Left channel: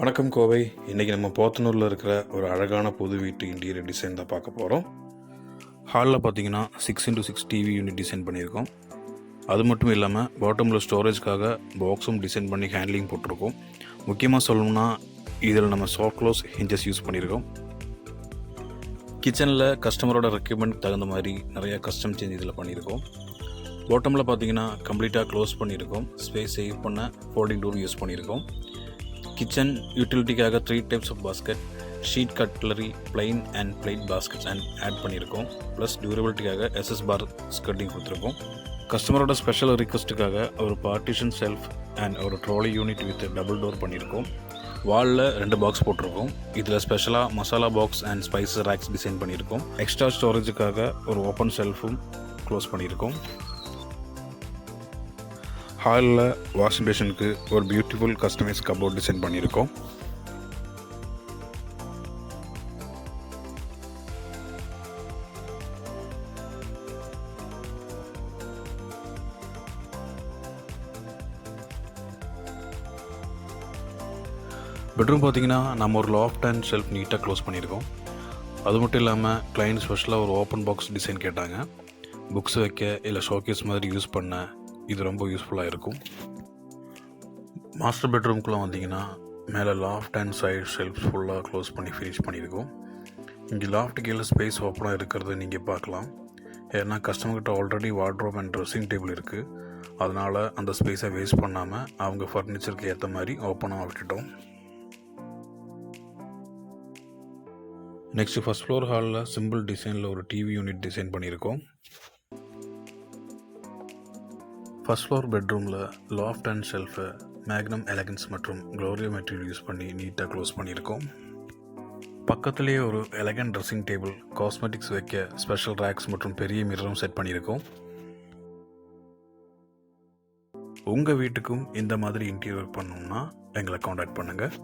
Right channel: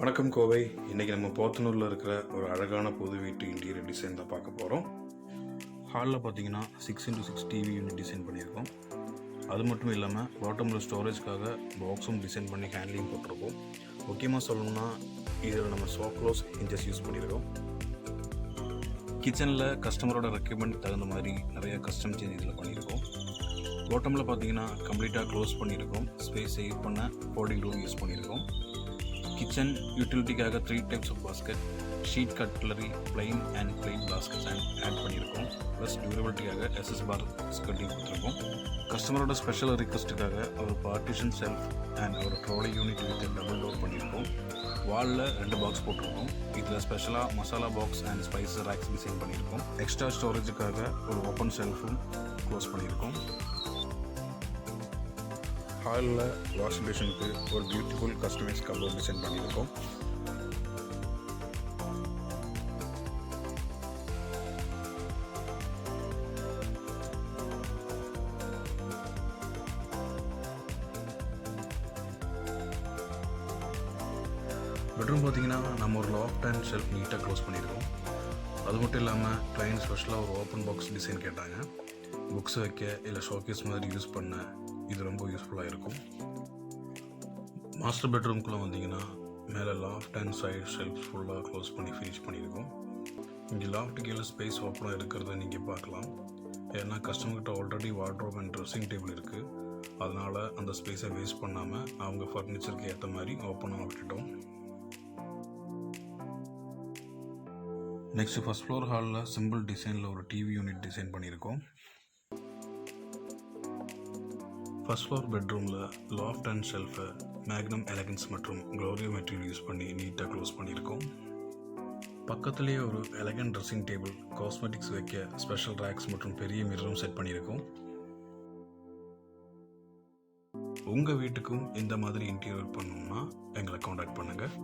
வணக்கம் கோவை. இன்றைக்கி நம்ம போத்தனூரில் இருக்கிற ஒரு அழகான புது வீட்டு இன்டீரியர் டிசைன் தான் பார்க்க போகிறோம். ஹாலில் பார்த்தீங்கன்னா 6x6 டிவி யூனிட் டிசைன் பண்ணியிருக்கோம். அது மட்டும் இல்லாமல் பாட்டமில் ஸ்டோரேஜ்க்காக பாக்ஸும் டிசைன் பண்ணி ஹேண்ட்லிங் போட்டிருக்கோம். முக்கியமாக சொல்லணும்னா இதில் நம்ம சாஃப்ட் க்ளோஸ் ஹிஞ்சஸ் யூஸ் பண்ணியிருக்கோம். கிச்சனில் கஸ்டமரோட ரெக்யூர்மெண்ட் தகுந்த மாதிரி நிறையா கஸ்டம் சேஞ்ச் இதில் பண்ணியிருக்கோம். பாட்டமில் பார்த்தீங்கன்னா கம்ப்ளீட்டாக க்ளோஸ் பண்ணியிருக்கோம். ஸ்பேஸ் சேவ் பண்ண ஃபோல்டிங் டோர் யூஸ் பண்ணியிருக்கோம். கிச்சன் யூட்டிலிட்டிக்காக 3 types of basket, sheet cutlery, plain and plate baskets add பண்ணியிருக்கோம். ப்ளஸ் டியூரபிலிட்டிக்காக SS பார் ஸ்கர்ட்டிங் கொடுத்துருக்கோம். கஸ்டமரோட ஸ்பெஷல் ரிக்வஸ்ட்டுக்காக ஒரு பார்ட்டிஷன் ஷெல்ஃப் அண்ட் ஒரு trolley unit with double door பண்ணியிருக்கோம். வாலில் 2 பாக்ஸ் போட்டிருக்கோம். இதில் ஸ்பெஷலாக masala box and spices racks design பண்ணியிருக்கோம். எக்ஸ்ட்ரா ஸ்டோரேஜுக்காக ஒரு ஓப்பன் ஷெல்ஃபும் க்ளோஸ் பண்ணியிருக்கோம். ஹாலில் வாஷிங் பேஷனுக்கு ஒரு பியூட்டிஃபுல் கஸ்டமைஸ் கபோர்ட் டிசைன் பண்ணியிருக்கோம். பெட்ரூம் பார்த்தீங்கன்னா நம்ம ஒரு லாஃப்ட் அண்ட் ஷெல்ஃப் நீட்டாக க்ளோஸ் பண்ணியிருக்கோம். அது மட்டும் இல்லாமல் கிளைண்ட் ஸ்பெஷலாக ஒரு ஓப்பன் பாக்ஸ் டிசைன் கேட்டாங்க. புக்ஸ் வைக்க இல்லை ஷோகேஸ் மாதிரி யூஸ் பண்ண இது ரொம்ப யூஸ்ஃபுல்லாக இருக்கும். மாஸ்டர் பெட்ரூம்குள்ளே வந்தீங்கன்னா மேலே லாஃப்ட் அண்ட் சைட் ஷெல்ஃப்ஸ் ஃபுல்லாக க்ளோஸ் பண்ணி ஃபினிஷ் பண்ணியிருக்கோம். இங்கே லாஃப்ட் கீழே ஸ்பேஸ் ஓப்பனாக இருக்கிறத நீங்கள் பார்க்கலாம். ஏன்னா கஸ்டமர்கிட்ட already wardrobe and dressing table இருக்குது. அதனால் அந்த ஸ்பேஸை வேஸ்ட் பண்ணாமல் அவங்க ஃபர்னிச்சருக்கு ஏற்ற மாதிரி ஓப்பனாக விட்டுட்டோம். நெக்ஸ்ட்டு ஃபஸ்ட் ஃப்ளோர் ஹாலில் சிம்பிள் டிசைனில் ஒரு டிவி யூனிட் டிசைன் பண்ணியிருக்கோம். ஃபஸ்ட் ஃப்ளோர் பெட்ரூமில் லாஃப்ட் அண்ட் ஷெல்ஃபை மேக்னம் எலகன்ஸ் மற்றும் க்ளோரியோ மெட்டீரியல் யூஸ் பண்ணி நீட்டாக க்ளோஸ் பண்ணியிருக்கோம். பக்கத்துலேயே ஒரு எலகன்ட் ட்ரெஸ்ஸிங் டேபிள், காஸ்மெட்டிக்ஸ் வைக்க ஸ்பெஷல் ரேக்ஸ் மற்றும் பெரிய மிரரும் செட் பண்ணியிருக்கோம். உங்கள் வீட்டுக்கும் இந்த மாதிரி இன்டீரியர் பண்ணணும்னா எங்களை காண்டாக்ட் பண்ணுங்கள்.